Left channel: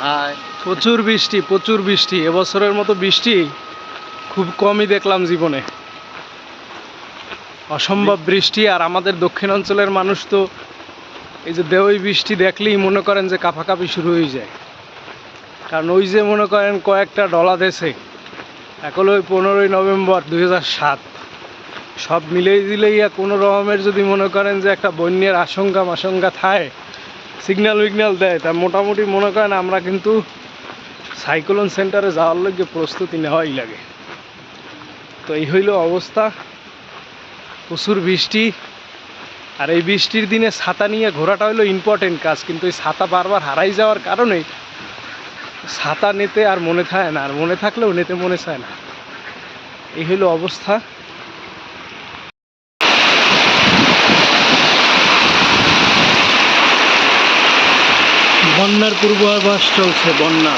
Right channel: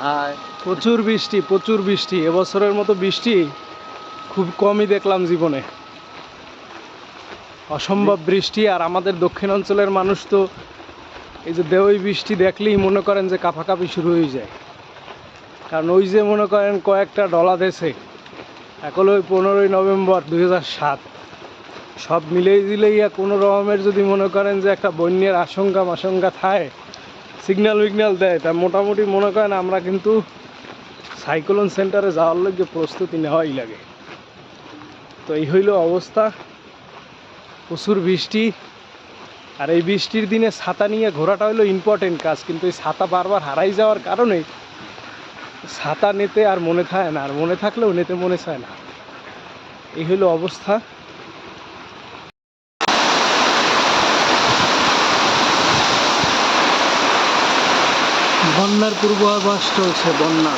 High. প্রচুর বৃষ্টি, প্রচুর বৃষ্টি। এবছরের মতো বৃষ্টি খুব কমই দেখলাম জীবনে। অসম্ভব বৃষ্টি। আর আমাদের দক্ষিণ অঞ্চলের মানুষ তো এই যে দেওই বৃষ্টি দেখলেই মনে করেন যে কাঁপাকাঁপি শুরু হয়ে যায়। কারণ ওই যে মনে করেন কয়েকটা ডলা দেশে এখন ওই 15ই নভেম্বর 2007 সব মিলেই দিলেই কোনো রকমের যদি মনে করেন যে একটা বন্যার আশঙ্কা থাকে, সিগন্যাল উইগন্যাল দেয়, তা মোটামুটি মনে করেন আমরা কিন্তু সাইক্লোন সেন্টারে যাওয়ার লগে প্রস্তুতি নেওয়াই লাগে। তো এই হইল অবস্থা, প্রচুর বৃষ্টি। আর এই বৃষ্টির দিনে ছাতা নিয়ে ঘোরাটা হলো ইম্পর্টেন্ট কাজ, কিন্তু এই ছাতা বারবার হারাই যাওয়ার কারণে ছাতা নিতে আর মনে থাকে না, আর মনে থাকলেও নিতে মনে চায় না। এই হইল অবস্থা। বন্যার পূর্বাভাস চলছে, বন্যা।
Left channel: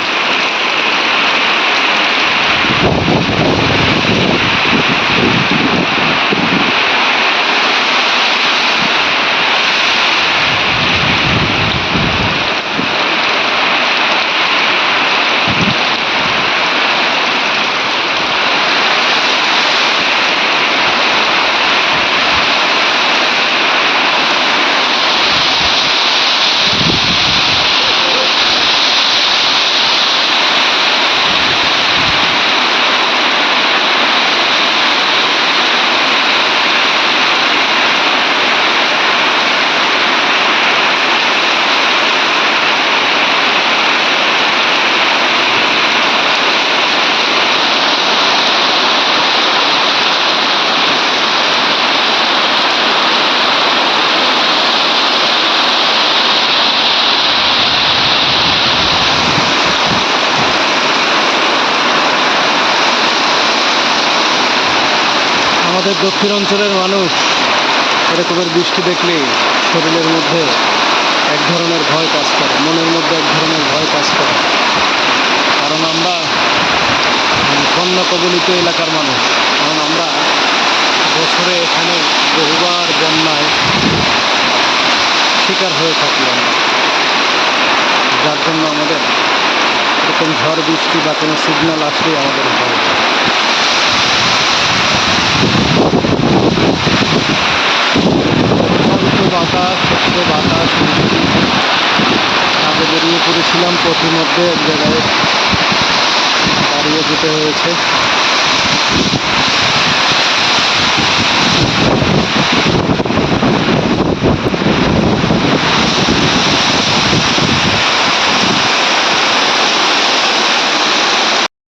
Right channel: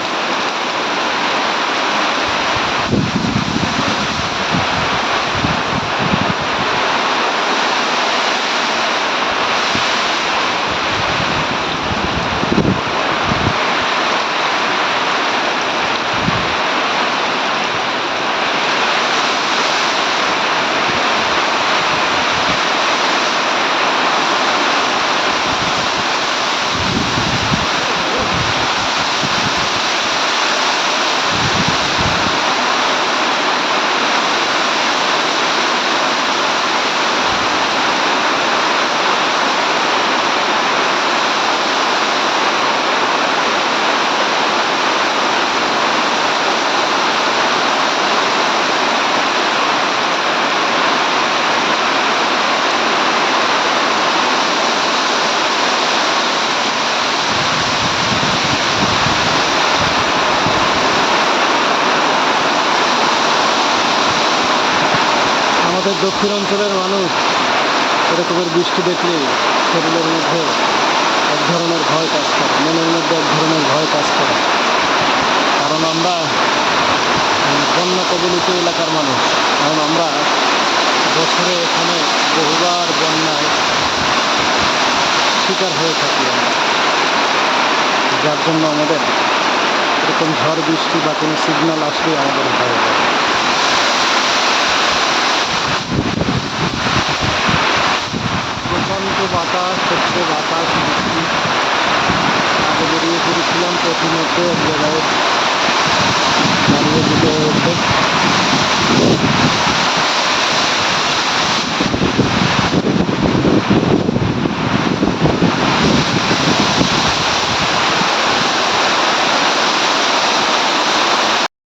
আমাদের দক্ষিণ অঞ্চলের মানুষ এরকমের বৃষ্টি দেখলে শরীরের মধ্যে এক ধরনের ভয় কাজ করে, মনের মধ্যে এক ধরনের ভয় কাজ করে। কারণ আমরা বন্যা কবলিত এলাকার মানুষ, কারণ আমরা বছরে এখানে বহুবার বন্যায় শিকার হয়ে থাকি আমরা, যার জন্য আমাদের এরকম ঝড় বৃষ্টি বা কোনো সিগন্যাল আসলেই আমাদের ভয় হয়। বাতাস হচ্ছে, বাতাস বৃষ্টি। আগে বেরিয়ে পড়েছিলাম, প্রতিমধ্যে এক জায়গায় দাঁড়িয়ে যেতে হয়েছে।